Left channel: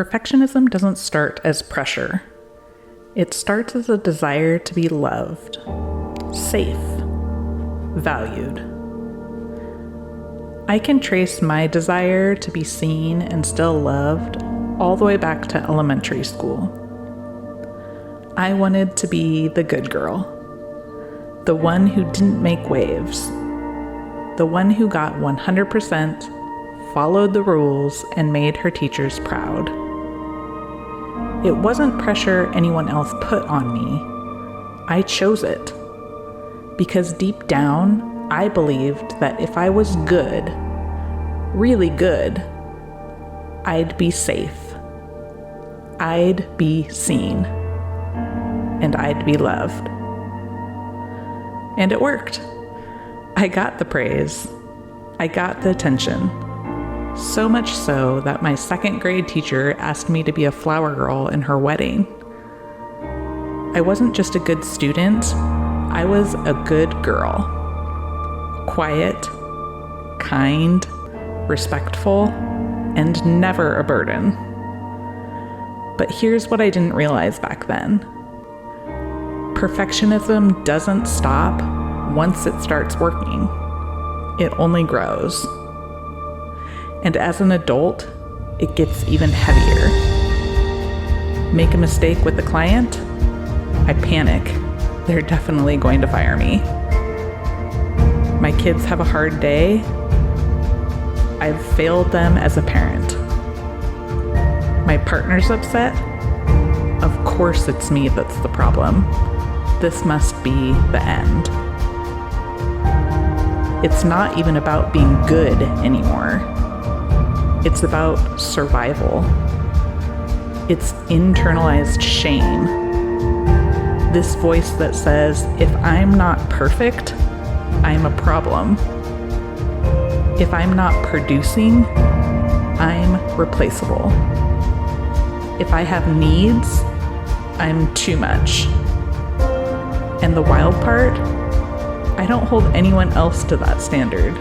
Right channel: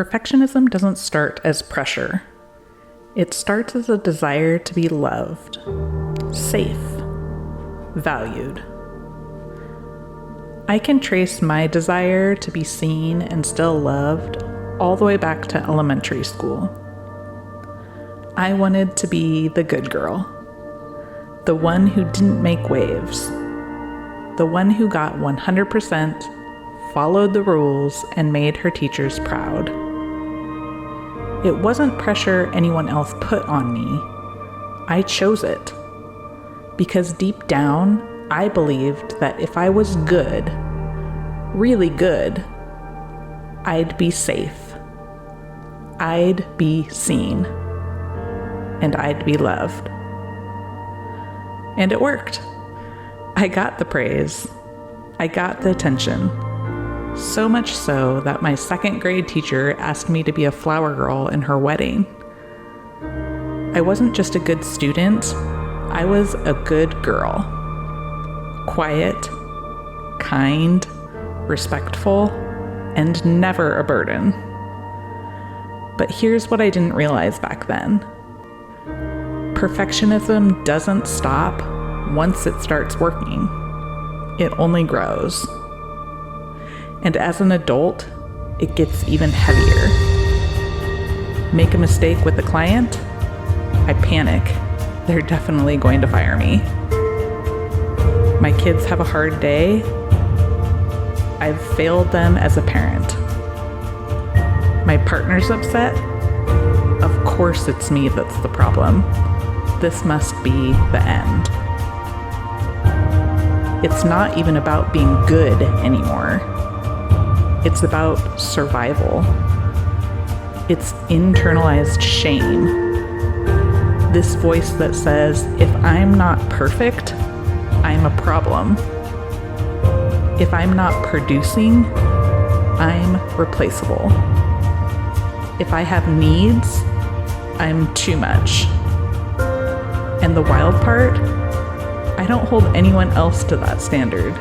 Perfectionism doesn't start as pressure. It starts as a desire to be loved, safe, valued. I can trace my desire to be seen and still loved all the way back to elementary school. I wanted to be the good girl, the one who didn't make waves, the one who got 100%, followed the rules, and made her teachers proud. It wasn't pressure anyone else put on me. I chose it. Because deep down, I believed that if I was good, really good, I'd be safe. I'd be seen. And I'd be loved. And it worked. I got the praise. I got the attention. So much so that my second grade teacher asked me to be a flower girl in her wedding. I wasn't just a good student, I was a good girl. Quiet, kind, respectful, and never a burden. But here's what I didn't realize back then. Perfectionism doesn't stop once it starts working. It only grows. And as an adult, it gets even heavier. Make a mistake with the client, I panic. They're definitely going to fire me. My kids have a hard day, I've failed them as a parent. My partner's upset, of course it's me that's the problem. This must be the end. It's not even about being good anymore. It's about survival. It's internalized shame. This voice that says, if I'm not perfect, I'm a problem. If I'm not producing, I'm replaceable. If I have needs, I'm too much. And the wild part, I don't hold anyone else to that standard,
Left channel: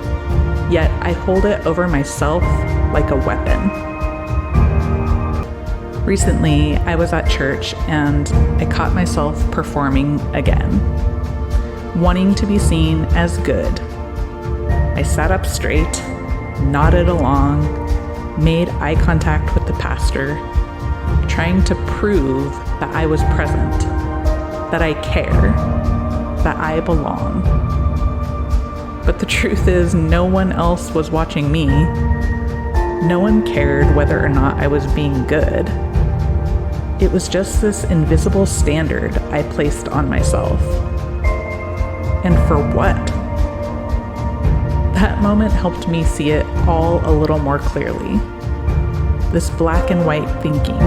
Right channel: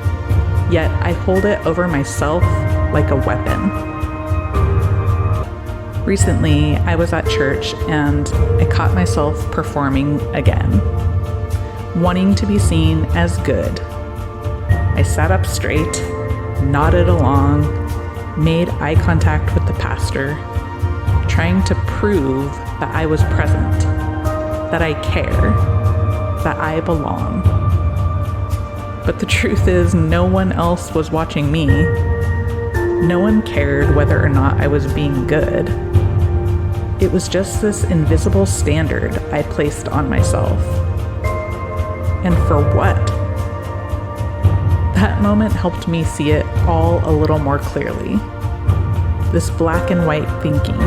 yet I hold it over myself like a weapon. Recently, I was at church and I caught myself performing again, wanting to be seen as good. I sat up straight, nodded along, made eye contact with the pastor, trying to prove that I was present, that I care, that I belong. But the truth is, no one else was watching me. No one cared whether or not I was being good. It was just this invisible standard I placed on myself. And for what? That moment helped me see it all a little more clearly. This black and white thinking.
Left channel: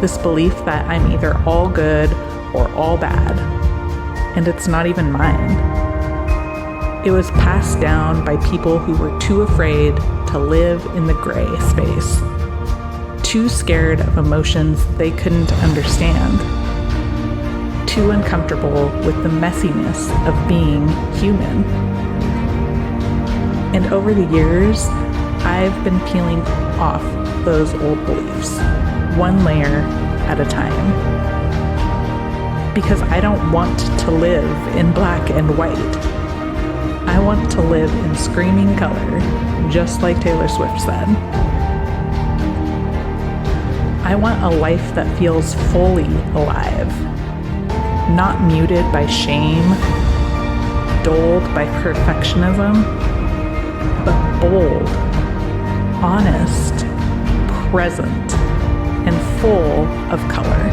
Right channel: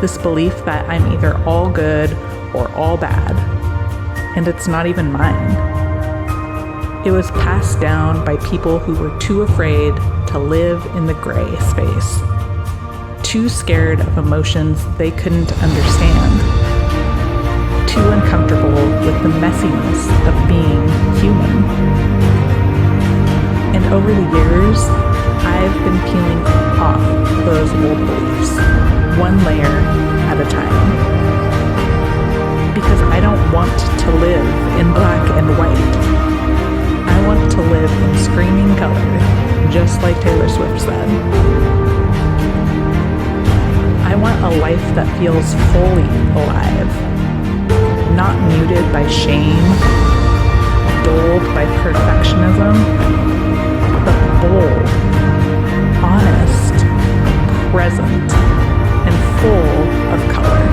This belief that I'm either all good or all bad. And it's not even mine. It was passed down by people who were too afraid to live in the gray space, too scared of emotions they couldn't understand, too uncomfortable with the messiness of being human. And over the years, I've been peeling off those old beliefs, one layer at a time. Because I don't want to live in black and white. I want to live in screaming color, just like Taylor Swift said. I want a life that feels fully alive, not muted by shame, dulled by perfectionism, but bold, honest, present, and full of color.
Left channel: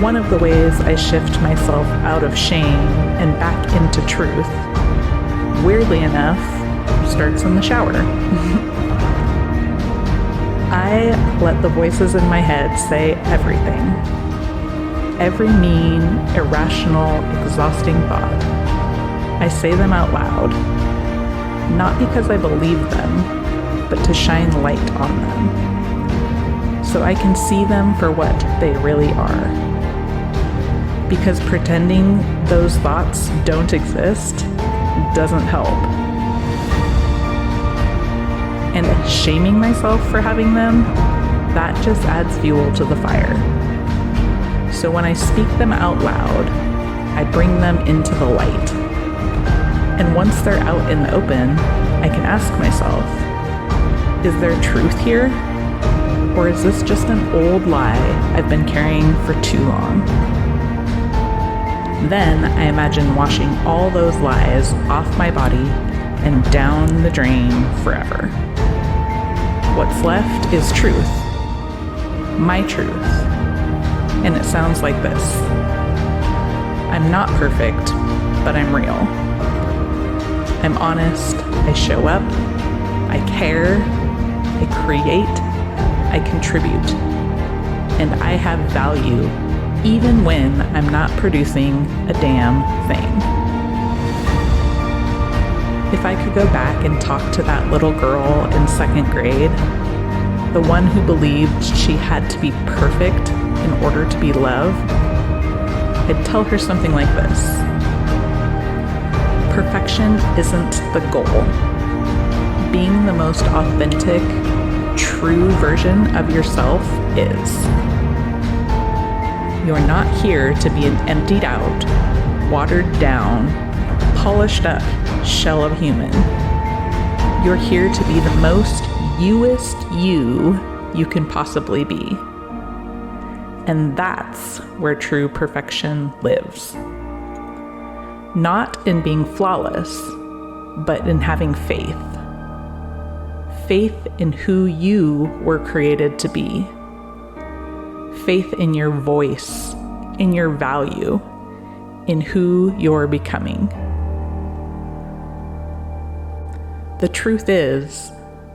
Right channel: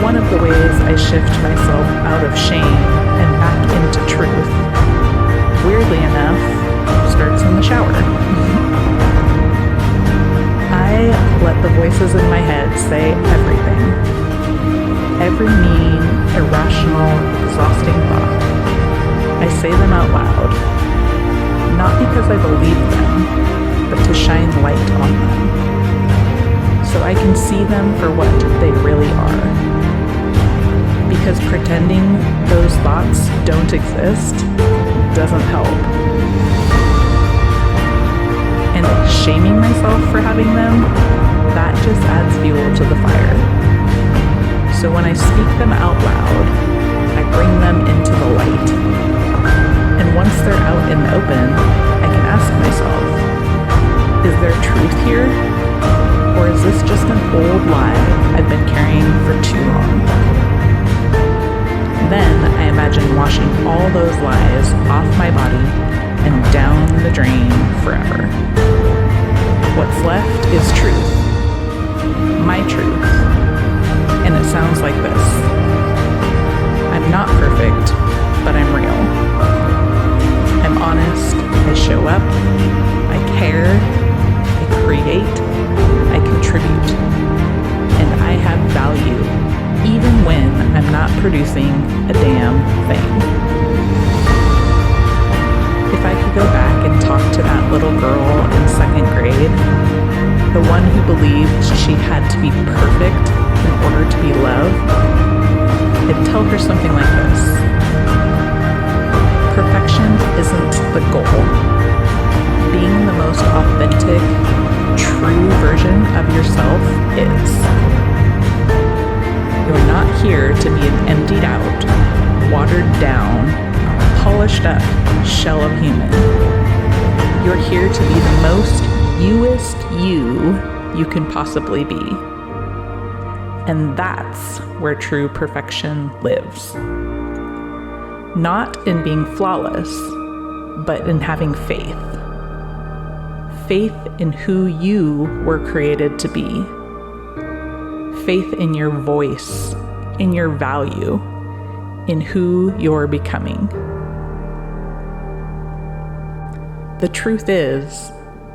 One of the ways I shift myself out of shame and back into truth, weirdly enough, starts in the shower. I let the voices in my head say everything. Every mean, irrational, exhausting thought. I say them out loud, not because I believe them, but to shine light on them, so I can see them for what they really are. Because pretending those thoughts don't exist doesn't help. And shaming myself for having them that just adds fuel to the fire. So when I speak them out loud, I bring them into the light. And once they're out in the open, I can ask myself, is there truth here? Or is this just an old lie I've been carrying for too long? Then I imagine washing all those lies off my body and down the drain forever. What's left is truth. My truth. And it sounds like this. I'm not perfect, but I'm real. I'm honest, I show up, I care, I create, I contribute, and I have value even when I'm not producing a damn thing. If I could go back and talk to that little girl in 2nd grade, the one who believed she had to be perfect in order to be loved, I'd tell her something like this. Perfection isn't the goal. Being the most authentic, true version of yourself is. You're not here to be an emptied out, watered down, polished up shell of human. You're here to be the most youest you can possibly be. And that's where true perfection lives. Not in being flawless, but in having faith. Faith in who you were created to be. Faith in your voice, in your value, in who you're becoming. The truth is,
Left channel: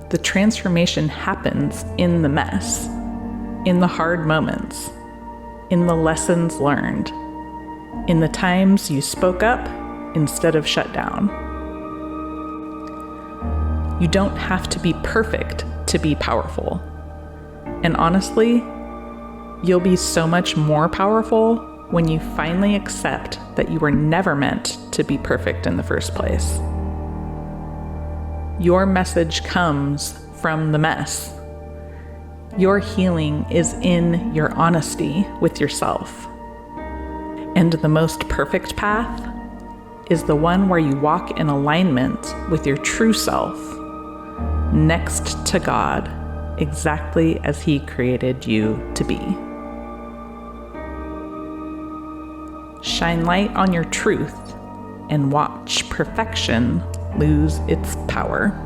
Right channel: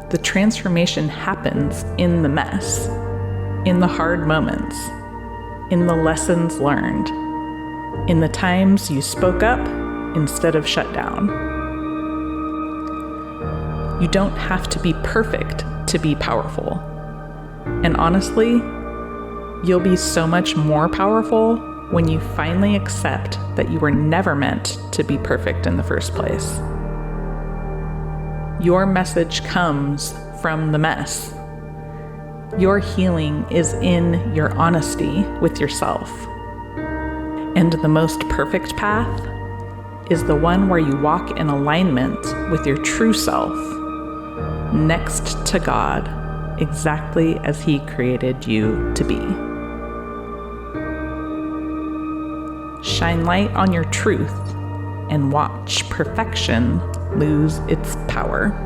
the transformation happens in the mess, in the hard moments, in the lessons learned, in the times you spoke up instead of shut down. You don't have to be perfect to be powerful. And honestly, you'll be so much more powerful when you finally accept that you were never meant to be perfect in the first place. Your message comes from the mess. Your healing is in your honesty with yourself. And the most perfect path is the one where you walk in alignment with your true self, next to God, exactly as He created you to be. Shine light on your truth and watch perfection lose its power.